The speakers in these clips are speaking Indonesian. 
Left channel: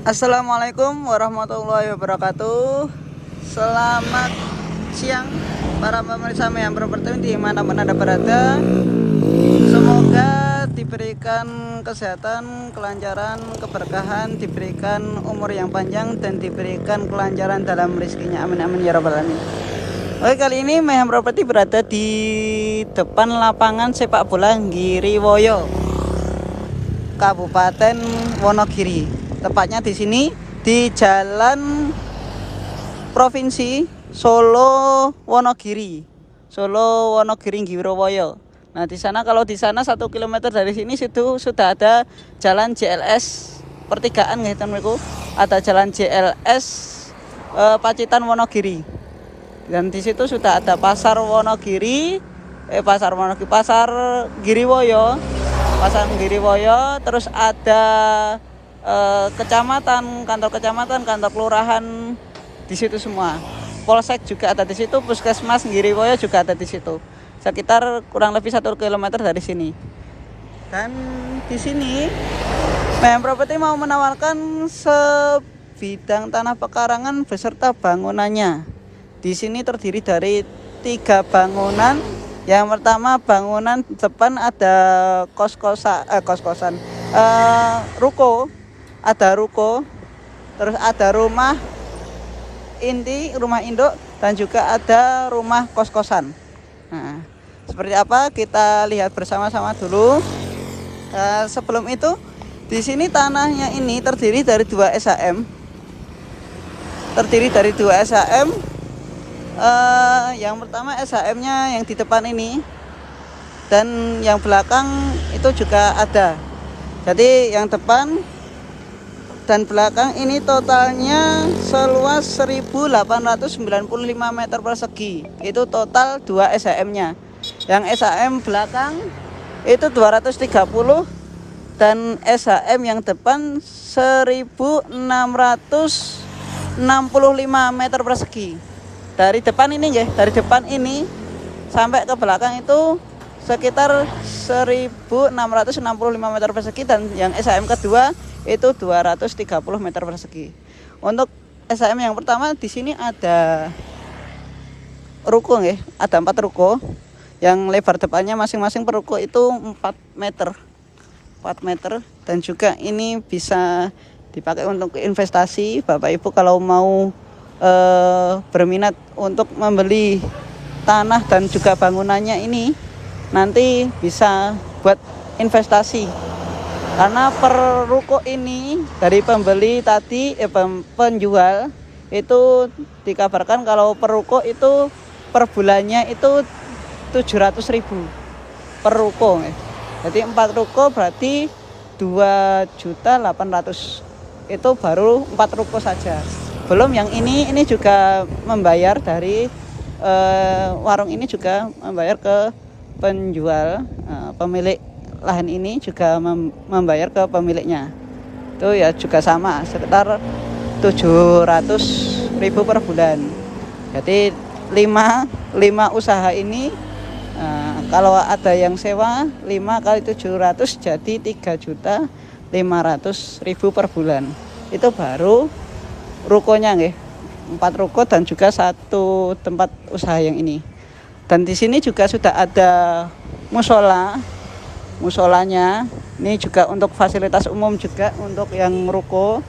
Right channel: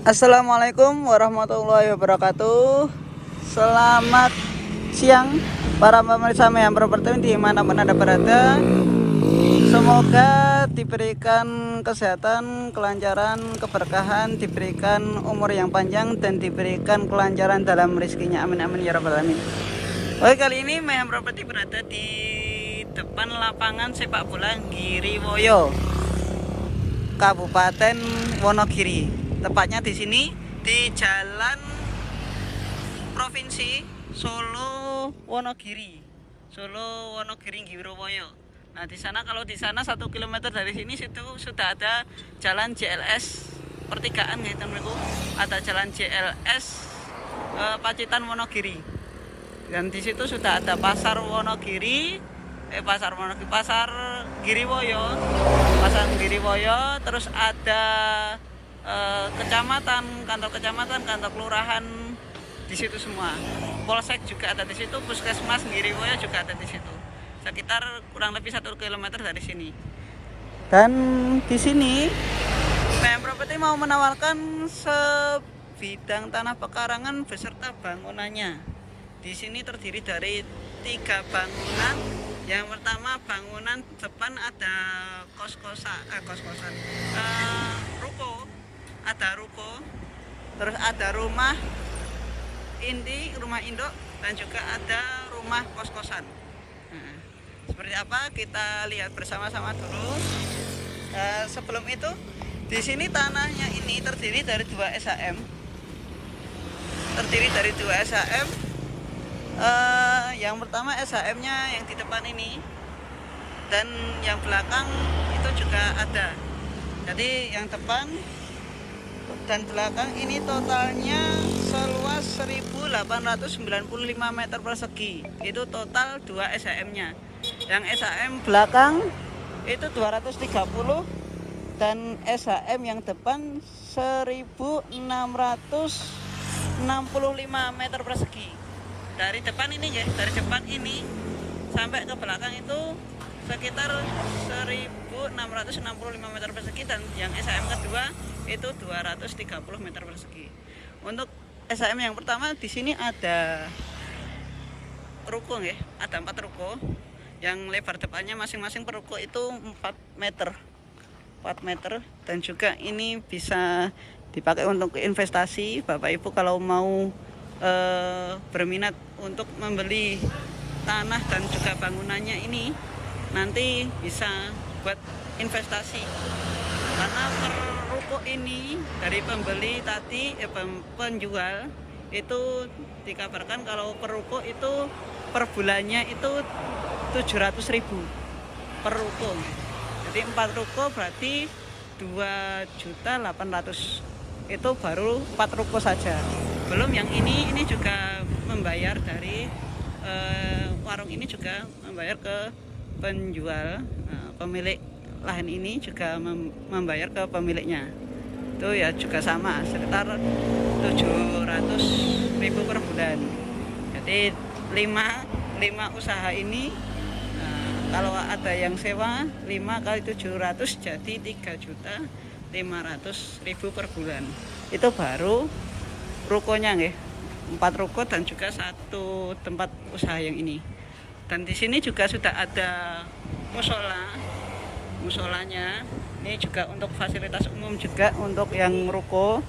Assalamualaikum warahmatullahi wabarakatuh. Selamat siang para pemirsa Mayhem Property dimanapun Anda berada. Semoga diberikan kesehatan, kelancaran, keberkahan, diberikan umur yang panjang, dan diberikan kelancaran dalam rezekinya. Amin amin ya rabbal alamin. Oke, kali ini Mayhem Property berada di depan lapangan sepak bola Giriwoyo, Kabupaten Wonogiri. Tepatnya di sini di Jalan Provinsi Solo Wonogiri, Solo Wonogiri Giriwoyo. Nah, di sana, kalau di sana 1 km dari sini situ sudah ada jalan JLS pertigaan nggih teman-temanku. Ada jalan JLS Pacitan Wonogiri. Dan di situ sudah ada pasar Wonogiri, pasar Giriwoyo, terus ada kecamatan, kantor kecamatan, kantor kelurahan di situ semua. Polsek juga ada di situ, puskesmas Giriwoyo juga ada di situ. Sekitar kurang lebih 1 km dari sini. Dan di sini Mayhem Property mau menawarkan sebidang tanah pekarangan beserta bangunannya. Di sini terdiri dari 3 bangunan. Yang pertama, bangunan depan ada ruko, ada ruko, terus ada rumah inti, rumah induk, dan juga ada rumah kos-kosan. Nah, seperti apa kita lihat bersama-sama dulu. Sebelum itu, di sini tanahnya ini terdiri dari 2 SHM. Yang pertama SHM-nya yang di depan ini, dan yang belakang itu juga ada. Jadi yang depan dan belakang ini totalnya seluas 1895 meter persegi. Itu total 2 SHM-nya. Yang SHM belakang itu 230, dan SHM yang depan 1665 meter persegi. Dari depan ini ya, dari depan ini sampai ke belakang itu sekitar 1665 meter persegi, dan yang SHM kedua itu 230 meter persegi. Untuk SHM yang pertama di sini ada ruko ya, ada 4 ruko. Yang lebar depannya masing-masing per ruko itu 4 meter. Dan juga ini bisa dipakai untuk investasi. Bapak Ibu kalau mau berminat untuk membeli tanah dan juga bangunannya ini, nanti bisa buat investasi. Karena per ruko ini dari pembeli tadi, penjual itu dikabarkan kalau per ruko itu per bulannya itu 700.000 per ruko. Jadi 4 ruko berarti 2.800.000. Itu baru 4 ruko saja. Belum yang ini juga membayar dari warung ini juga membayar ke penjual, pemilik lahan ini juga membayar ke pemiliknya. Itu ya juga sama, sekitar 700.000 per bulan. Jadi 5 usaha ini, kalau ada yang sewa 5 kali 700 jadi 3.500.000 per bulan. Itu baru rukonya nggih. 4 ruko dan juga 1 tempat usaha yang ini. Dan di sini juga sudah ada musolanya. Ini juga untuk fasilitas umum, juga untuk yang ruko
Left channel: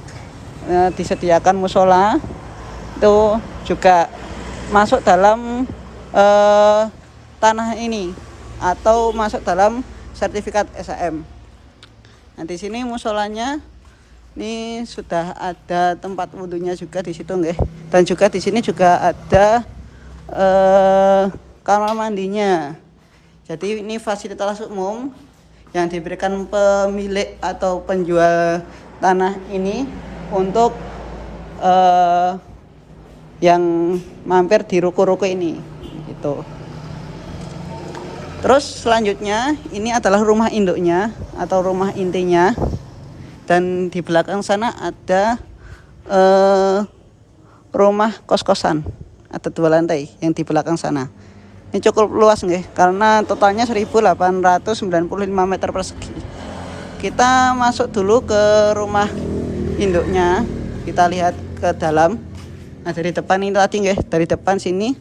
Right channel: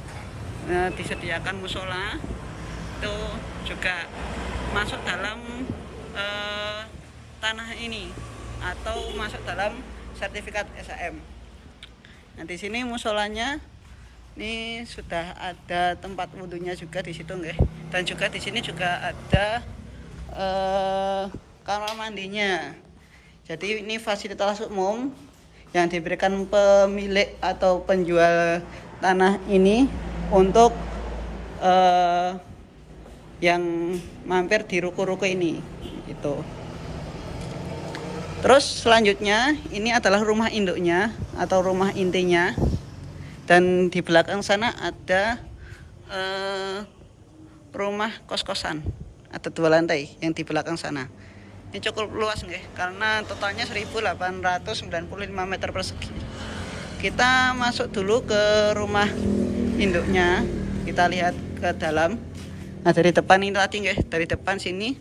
disediakan musola. Itu juga masuk dalam tanah ini atau masuk dalam sertifikat SHM. Nah, di sini musolanya ini sudah ada tempat wudhunya juga di situ nggih. Dan juga di sini juga ada kamar mandinya. Jadi ini fasilitas umum yang diberikan pemilik atau penjual tanah ini untuk yang mampir di ruko-ruko ini gitu. Terus selanjutnya ini adalah rumah induknya atau rumah intinya. Dan di belakang sana ada rumah kos-kosan, ada 2 lantai yang di belakang sana. Ini cukup luas nggih, karena totalnya 1895 meter persegi. Kita masuk dulu ke rumah induknya. Kita lihat ke dalam. Nah dari depan itu tadi ya, dari depan sini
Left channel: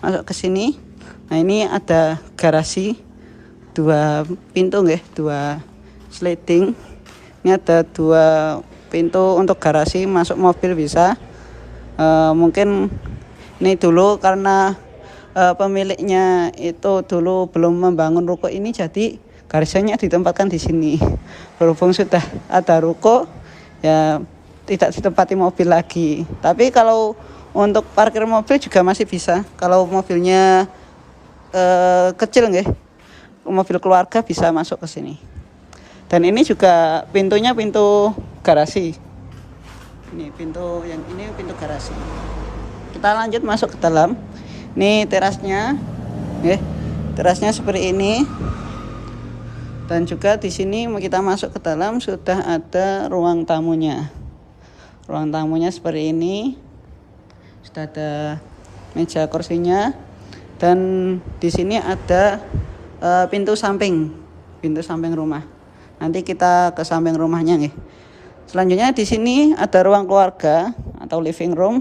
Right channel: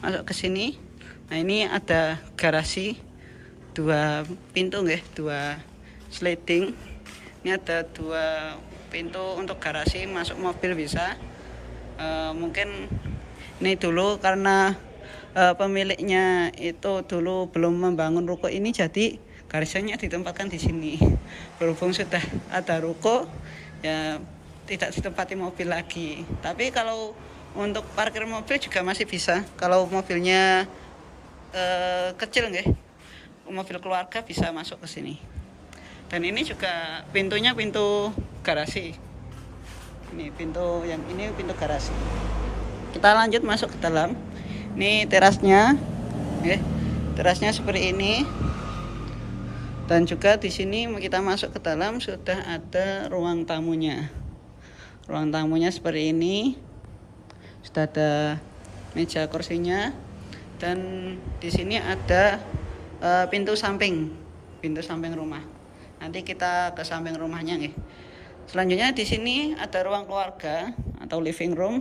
masuk ke sini. Nah ini ada garasi 2 pintu ya, 2 sliding. Ini ada 2 pintu untuk garasi, masuk mobil bisa. Mungkin ini dulu karena pemiliknya itu dulu belum membangun ruko ini, jadi garasinya ditempatkan di sini. Berhubung sudah ada ruko ya tidak ditempati mobil lagi. Tapi kalau untuk parkir mobil juga masih bisa. Kalau mobilnya kecil nggih, mobil keluarga bisa masuk ke sini. Dan ini juga pintunya pintu garasi. Ini pintu garasi. Kita lanjut masuk ke dalam. Ini terasnya, ya. Terasnya seperti ini. Dan juga di sini kita masuk ke dalam sudah ada ruang tamunya. Ruang tamunya seperti ini. Sudah ada meja kursinya. Dan di sini ada pintu samping rumah. Nanti kita ke samping rumahnya nih. Selanjutnya di sini ada ruang keluarga atau living room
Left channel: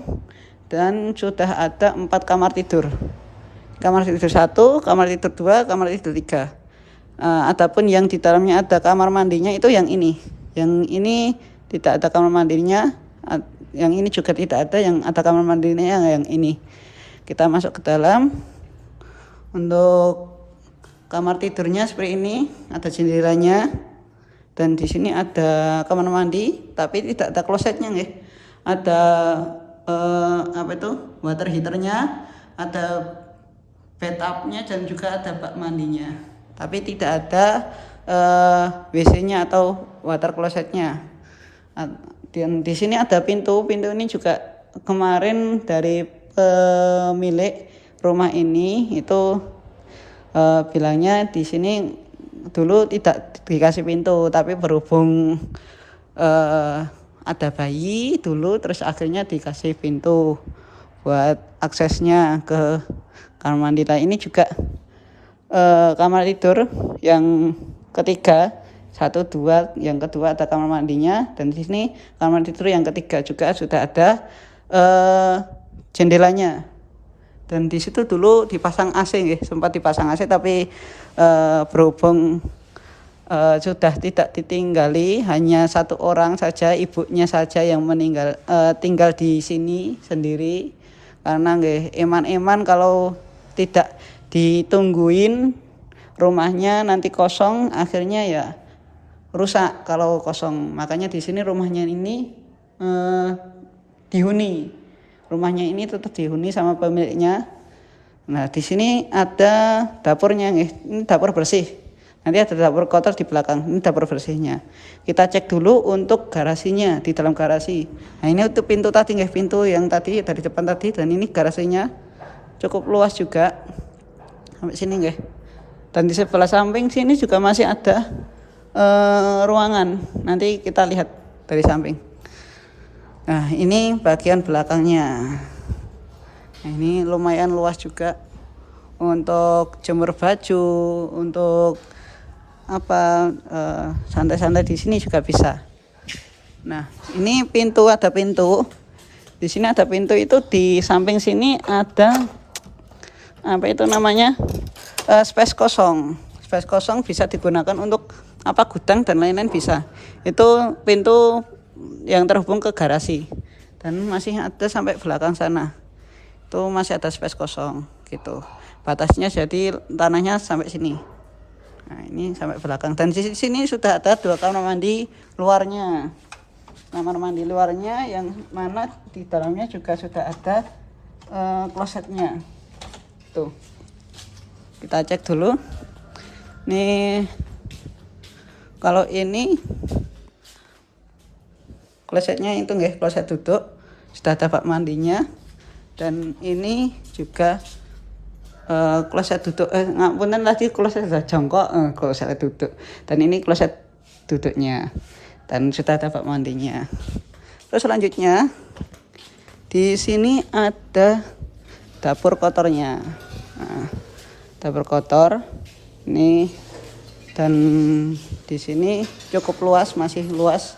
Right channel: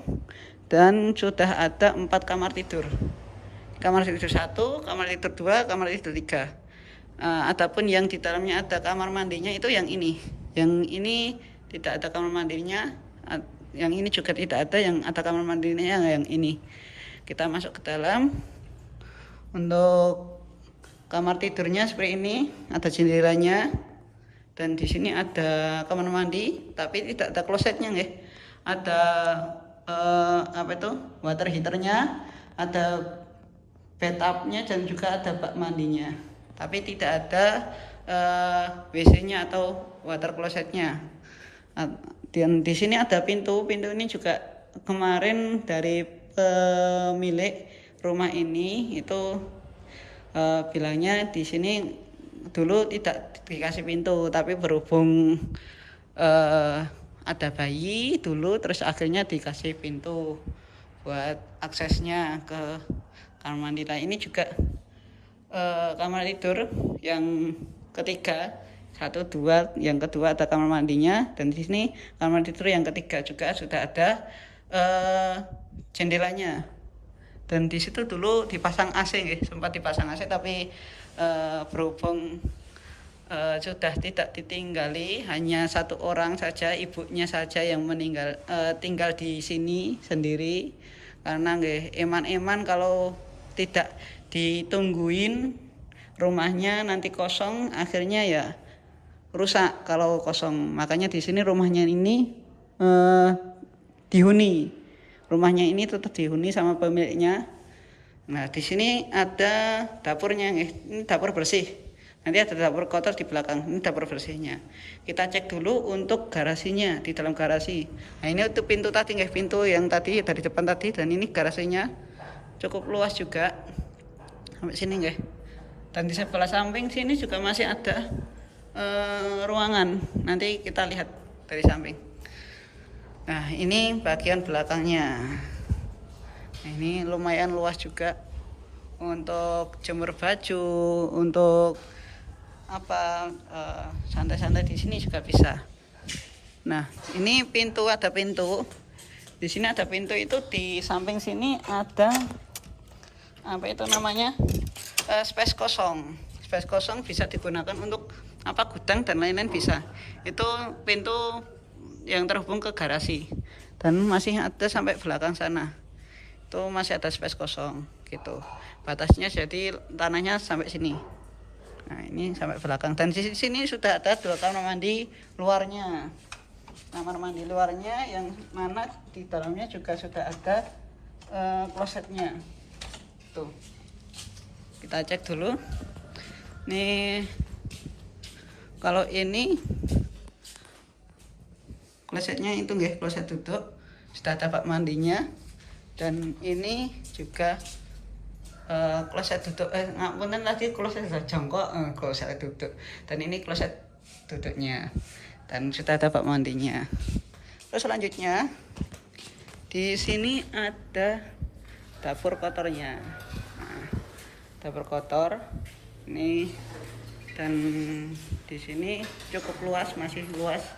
dan sudah ada 4 kamar tidur. Kamar tidur 1, kamar tidur 2, kamar tidur 3. Adapun yang di dalamnya ada kamar mandinya itu yang ini. Yang ini tidak ada kamar mandinya. Yang ini juga tidak ada, yang ada kamar mandinya yang ini. Kita masuk ke dalam. Untuk kamar tidurnya seperti ini, ada jendelanya. Dan di sini ada kamar mandi, tapi tidak ada klosetnya nggih. Ada water heaternya, ada bathtubnya dan juga ada bak mandinya. Tapi tidak ada WC-nya atau water closetnya. Dan di sini ada pintu ini juga kemarin dari pemilik rumah ini itu bilangnya di sini dulu tidak dikasih pintu, tapi berhubung ada bayi dulu, terus akhirnya dikasih pintu buat aksesnya ke kamar mandi. Nah ini juga kamar tidur yang ketiga, 1, 2, yang kedua ada kamar mandinya, dan di sini kamar tidur yang ketiga juga sudah ada jendelanya. Dan di situ dulu dipasang AC nggih, sempat dipasang AC tapi berhubung sudah tidak ditinggali, hanya 1 orang saja, ibunya saja yang meninggal, tinggal di sini sendiri. Karena nggih eman-eman kalau tidak ditungguin rumahnya nanti kosong, akhirnya ya rusak kalau kosong. Makanya di sini rumahnya ini dihuni. Rumahnya ini tetap dihuni sama pemiliknya. Nah, di sini ada dapurnya nih. Ini dapur bersih. Nanti ada dapur kotor di belakang. Ini dapur bersihnya. Kita cek dulu untuk garasinya, di dalam garasi. Nah, ini untuk pintu tadi nih, pintu yang tadi dari depan tadi, dan ini garasinya cukup luas juga. Sampai sini nih. Dan di sebelah samping sini juga masih ada ruangan. Nanti kita lihat dari samping. Nah ini bagian belakangnya. Nah, ini lumayan luas juga untuk jemur baju, untuk santai-santai di sini juga bisa. Nah ini pintu, ada pintu. Di sini ada pintu, itu di samping sini ada space kosong. Space kosong bisa digunakan untuk gudang dan lain-lain bisa. Itu pintu yang terhubung ke garasi, dan masih ada sampai belakang sana. Itu masih ada space kosong gitu. Batasnya jadi tanahnya sampai sini. Nah, ini sampai belakang, dan di sini sudah ada 2 kamar mandi luarnya. Kamar mandi luarnya yang mana di dalamnya juga sudah ada klosetnya. Tuh. Kita cek dulu. Nih kalau ini klosetnya itu nggih, kloset duduk, sudah ada bak mandinya. Dan ini juga kloset duduk, ngapunten lagi, kloset jongkok, kloset duduk. Dan ini kloset duduknya. Dan sudah ada bak mandinya. Terus selanjutnya di sini ada dapur kotornya. Nah, dapur kotor ini, dan di sini cukup luas, masih luas.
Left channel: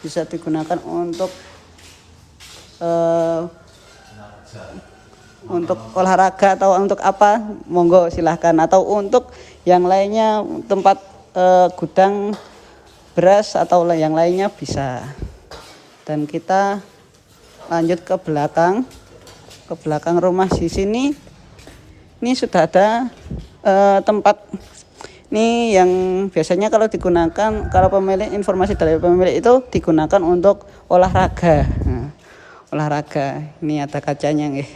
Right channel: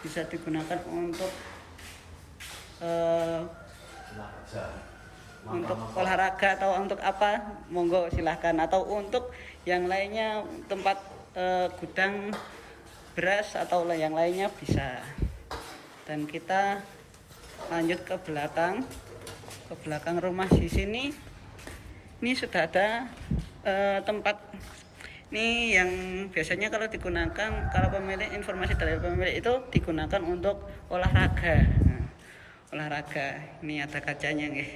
bisa digunakan untuk olahraga atau untuk apa, monggo silahkan, atau untuk yang lainnya tempat gudang beras atau yang lainnya bisa. Dan kita lanjut ke belakang rumah. Di sini ini sudah ada tempat ini yang biasanya kalau digunakan, kalau pemilik, informasi dari pemilik itu digunakan untuk olahraga. Nah, olahraga ini ada kacanya nih,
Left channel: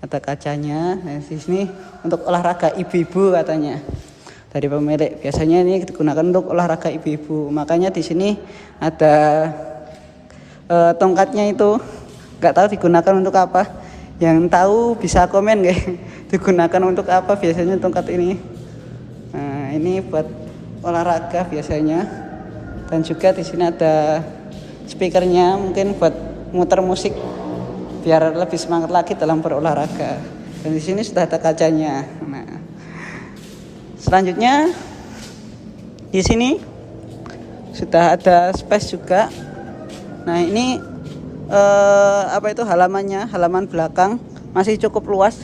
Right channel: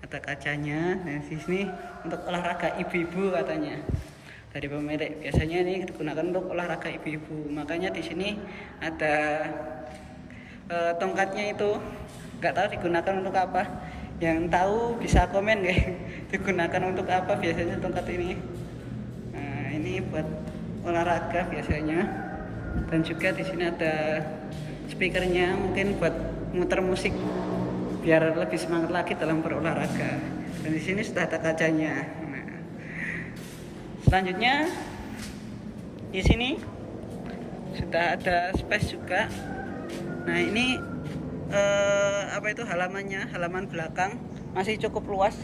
ada kacanya. Nah, di sini untuk olahraga ibu-ibu katanya dari pemilik. Biasanya ini digunakan untuk olahraga ibu-ibu. Makanya di sini ada tongkatnya itu, nggak tahu digunakan untuk apa. Yang tahu bisa komen nih, digunakan untuk apa biasanya tongkat ini. Nah, ini buat olahraga biasanya. Dan juga di sini ada speakernya, mungkin buat muter musik biar lebih semangat lagi dalam berolahraga. Dan di sini sudah ada kacanya. Nah, selanjutnya di sini sudah ada space juga. Nah, ini halaman belakang masih cukup luas.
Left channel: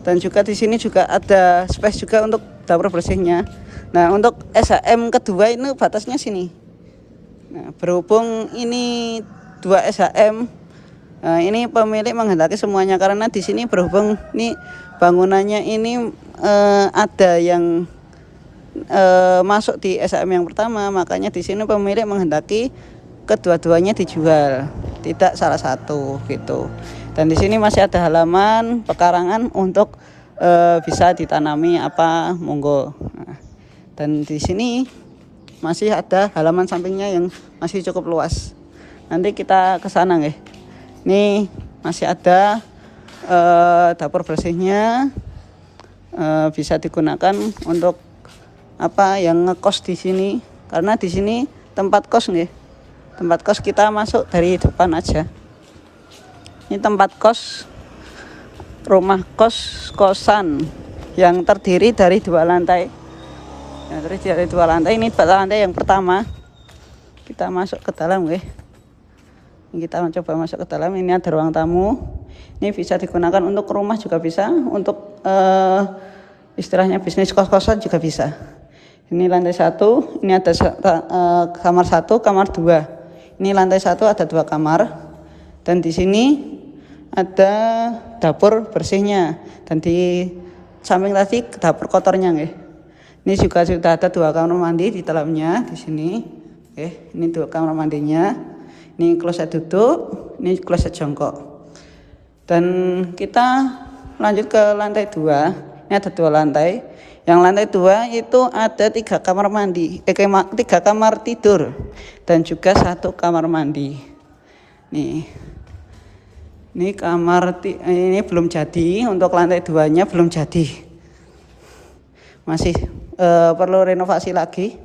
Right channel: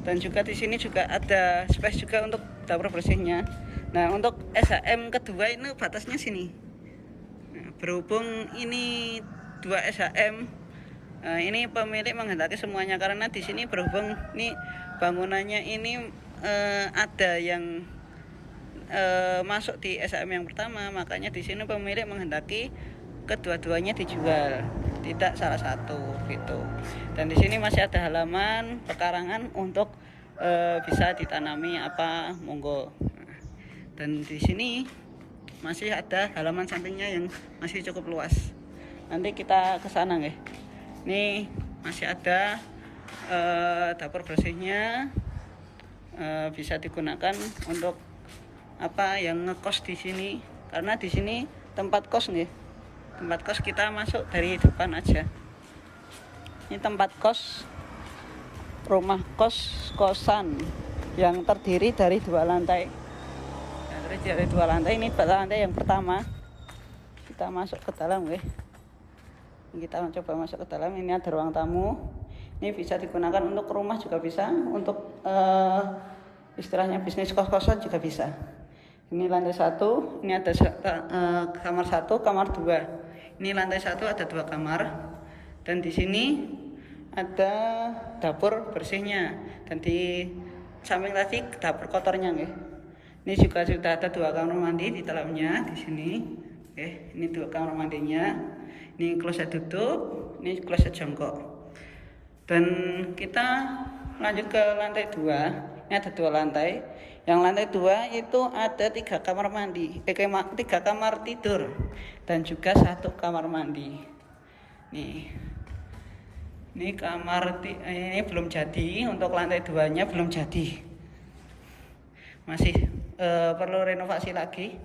Dan juga di sini juga ada space juga untuk dapur bersihnya. Nah, untuk SHM kedua ini batasnya sini. Nah, berhubung ini 2 SHM, ini pemilik menghendaki semuanya, karena di sini berhubung ini bangunannya ini ada yang masuk di SHM yang pertama, makanya di sini pemilik menghendaki kedua-duanya dijual, tidak salah satu gitu. Dan di sini masih ada halaman pekarangan untuk bisa ditanami apa, monggo. Nah, dan di sini masih ada halaman sampingnya yang masih cukup luas. Nanti kita ke sana nih. Ini masih ada dapur bersihnya, bisa digunakan untuk apa yang ngekos di sini, karena di sini tempat kos nih. Tempat kos kita masuk dari depan aja. Ini tempat kos, rumah kosan yang terdiri dari 2 lantai. Nah, terdiri dari 2 lantai. Ini lantai yang pertama. Kita masuk ke dalam, kita mencoba masuk ke dalam. Ini ada ruang tamu. Ini bisa digunakan untuk rumah juga bisa, untuk istilahnya bisnis kos-kosan juga bisa. Ini lantai 1. Ini ada kamar 1, kamar 2. Ini lantai 1 ada 2 kamar, dan di sini ada dapur bersihnya, dan di samping tadi dapur kotornya nih. Ini juga sudah ada 2 kamar mandi di dalamnya di sini. Ini 2 kamar mandinya. Ini kloset duduk, ini kloset jongkok. Dan kita lanjut ke lantai 2. Ini ada 2 lantai. Yang lantai 2 itu ada 3 kamar mandi, 3 kamar tidur, dan juga 1 kamar mandi. Ini kamar ini belum jadi, untuk lantai 2-nya belum jadi, masih perlu renovasi lagi.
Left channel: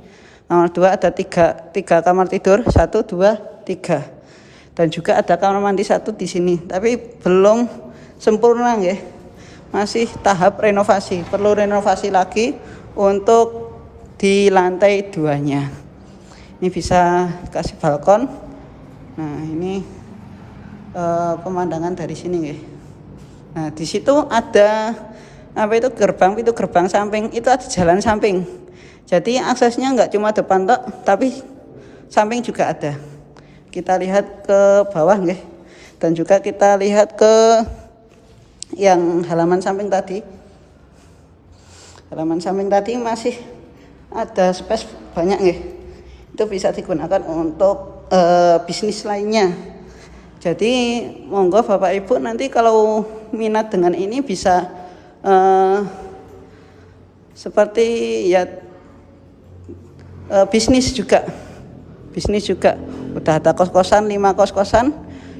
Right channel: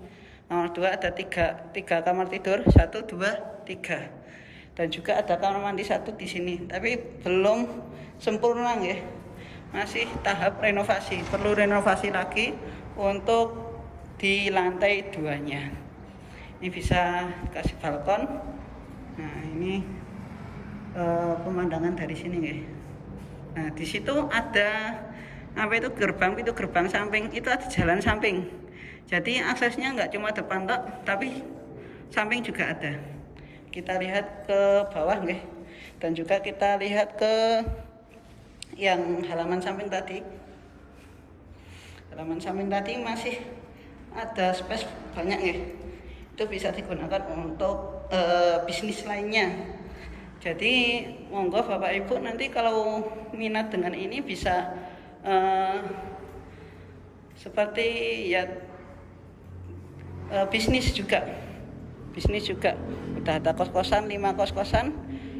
Kamar 2 ada 3 kamar tidur, 1, 2, 3, dan juga ada kamar mandi 1 di sini, tapi belum sempurna ya. Masih tahap renovasi, perlu renovasi lagi untuk di lantai 2-nya. Ini bisa kasih balkon. Nah, ini pemandangan dari sini ya. Nah, di situ ada pintu gerbang samping, itu ada jalan samping. Jadi aksesnya nggak cuma depan tok, tapi samping juga ada. Kita lihat ke bawah nih. Dan juga kita lihat ke yang halaman samping tadi. Halaman samping tadi masih ada space banyak nih. Itu bisa digunakan untuk bisnis lainnya. Jadi monggo Bapak Ibu nanti kalau minat dengan ini bisa seperti ya bisnis juga. Udah ada kos-kosan, 5 kos-kosan,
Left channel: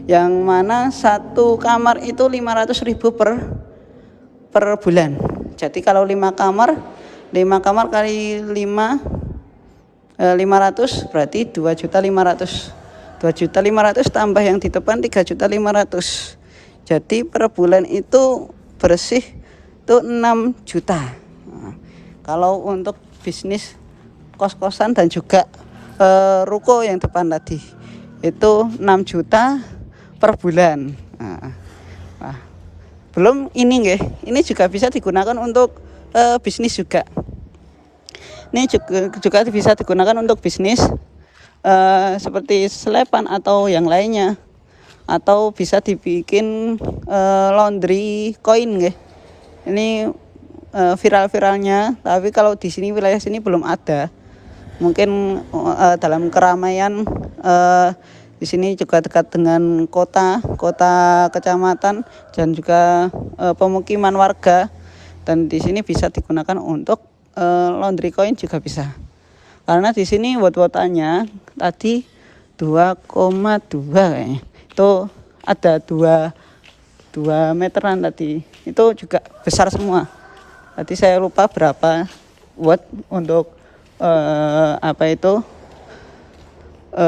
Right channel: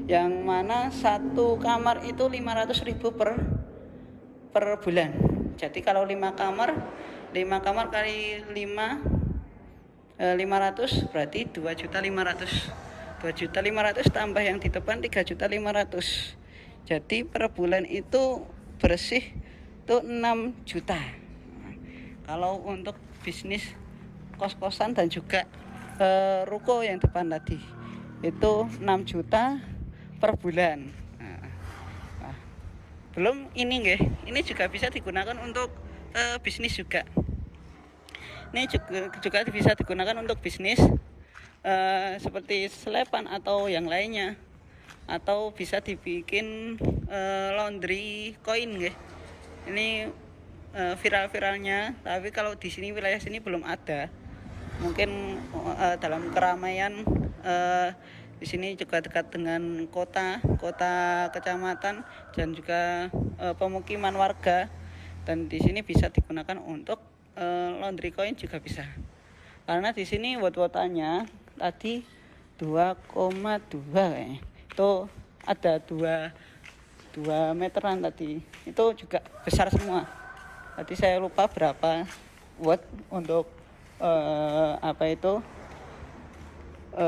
yang mana 1 kamar itu 500.000 per bulan. Jadi kalau 5 kamar kali 5 500 berarti 2.500.000. 2.500.000 tambah yang di depan 3.500.000. Jadi per bulan itu bersih itu 6 juta. Nah, kalau untuk bisnis kos-kosan dan juga ruko yang depan tadi itu 6 juta per bulan. Nah, belum ini nggih, ini juga bisa digunakan untuk bisnis juga. Ini juga bisa digunakan untuk bisnis seperti selepan atau yang lainnya, atau bisa dibikin laundry koin nggih. Ini viral-viralnya, tapi kalau di sini wilayah sini belum ada. Mungkin dalam keramaian di sini juga dekat dengan kota kecamatan dan juga pemukiman warga, dan di sini bisa digunakan untuk laundry coin juga bisa. Karena di sini watt-wattannya tadi 2,2 kayaknya. Itu ada 2 meteran tadi. Itu juga besar semua. Tadi saya lupa berapa watt untuk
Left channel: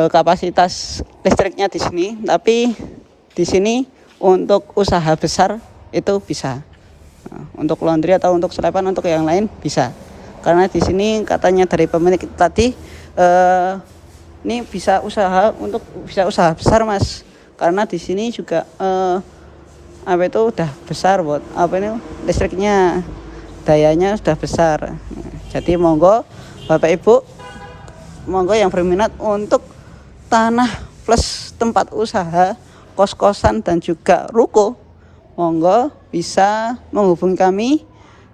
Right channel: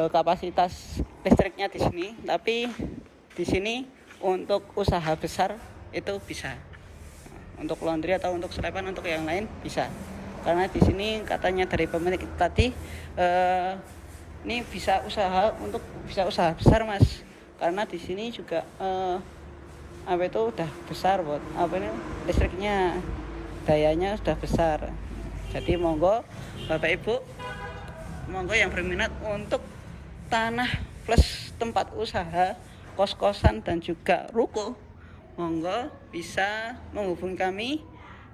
kapasitas listriknya di sini, tapi di sini untuk usaha besar itu bisa. Untuk laundry atau untuk selepan, untuk yang lain bisa. Karena di sini katanya dari pemilik tadi ini bisa usaha besar Mas. Karena di sini juga udah besar buat listriknya, dayanya sudah besar. Jadi monggo Bapak Ibu, monggo yang berminat untuk tanah plus tempat usaha, kos-kosan dan juga ruko, monggo bisa menghubungi kami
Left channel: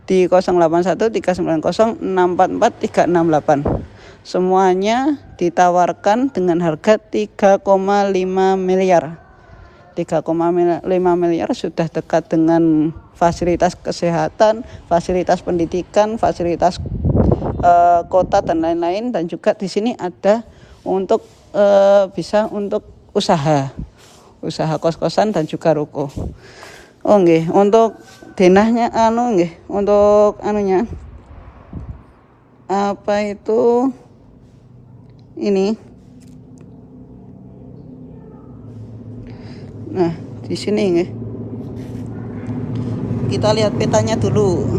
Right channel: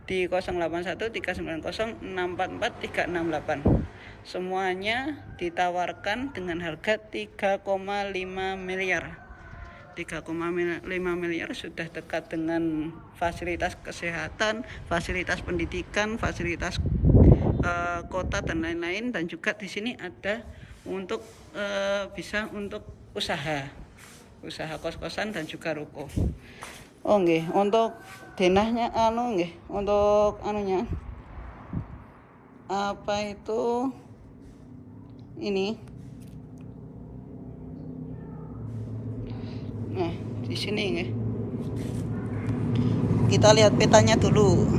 di 081390644368. Semuanya ditawarkan dengan harga 3,5 miliar. 3,5 miliar sudah dekat dengan fasilitas kesehatan, fasilitas pendidikan, fasilitas kota dan lain-lain, dan juga di sini ada untuk bisa untuk usaha kos-kosan dan juga ruko. Oh nggih, untuk denahnya nggih, untuk anunya ini. Nah, di sini nggih. Kita lihat petanya dulu.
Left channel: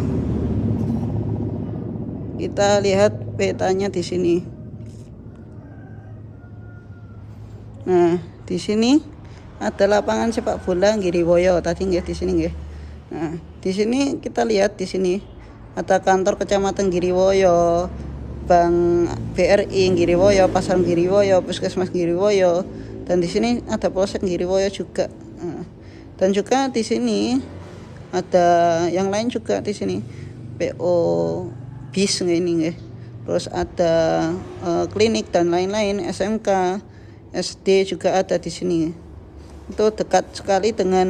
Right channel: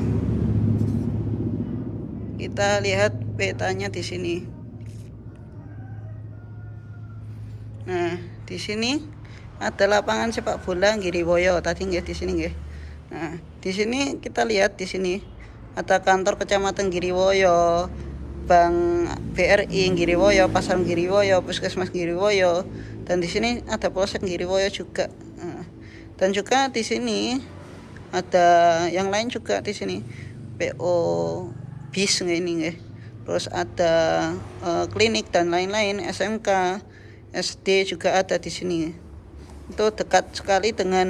Kita lihat petanya di sini. Nah, di sini ada lapangan sepak bola Giriwoyo tadi nggih, di sini nggih. Nah, di sini kita lihat di sini ada kantor kecamatan Giriwoyo, Bank BRI Giriwoyo, Pasar Giriwoyo, Puskesmas Giriwoyo, dan di sini ada Polsek Giriwoyo juga. Nah, dan juga di sini ada yang lain juga di sini, PO bis ini nggih. Terus ada klinik dan lain-lain, SMK, SD juga ada di sini. Itu dekat sekali dengan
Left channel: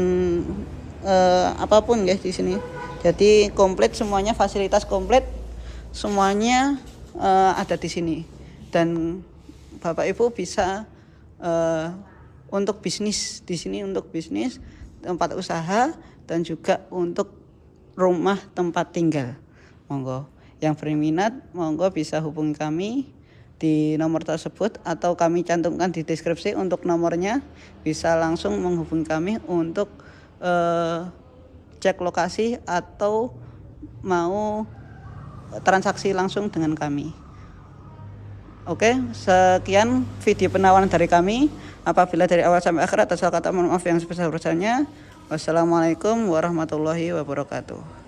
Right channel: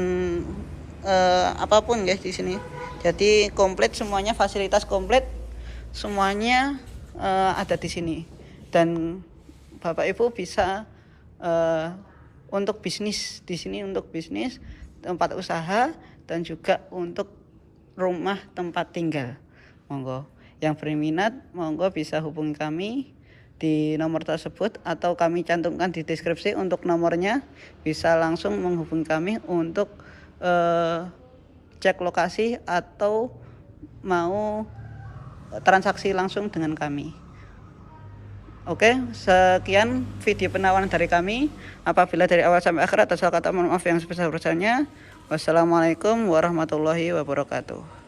apapun guys di sini. Jadi komplit semuanya, fasilitas komplit semuanya ada di sini. Dan Bapak Ibu bisa untuk bisnis di sini, untuk bisnis, tempat usaha, dan juga untuk rumah tempat tinggal. Monggo yang berminat, monggo bisa hubungi kami di nomor tersebut, atau kami cantumkan di deskripsi untuk nomornya. Bisa langsung menghubungi kami untuk cek lokasi atau mau transaksi langsung dengan kami. Oke, sekian video penawaran dari kami. Apabila dari awal sampai akhir atas kata mohon maaf yang sebesar-besarnya. Wassalamualaikum warahmatullahi wabarakatuh.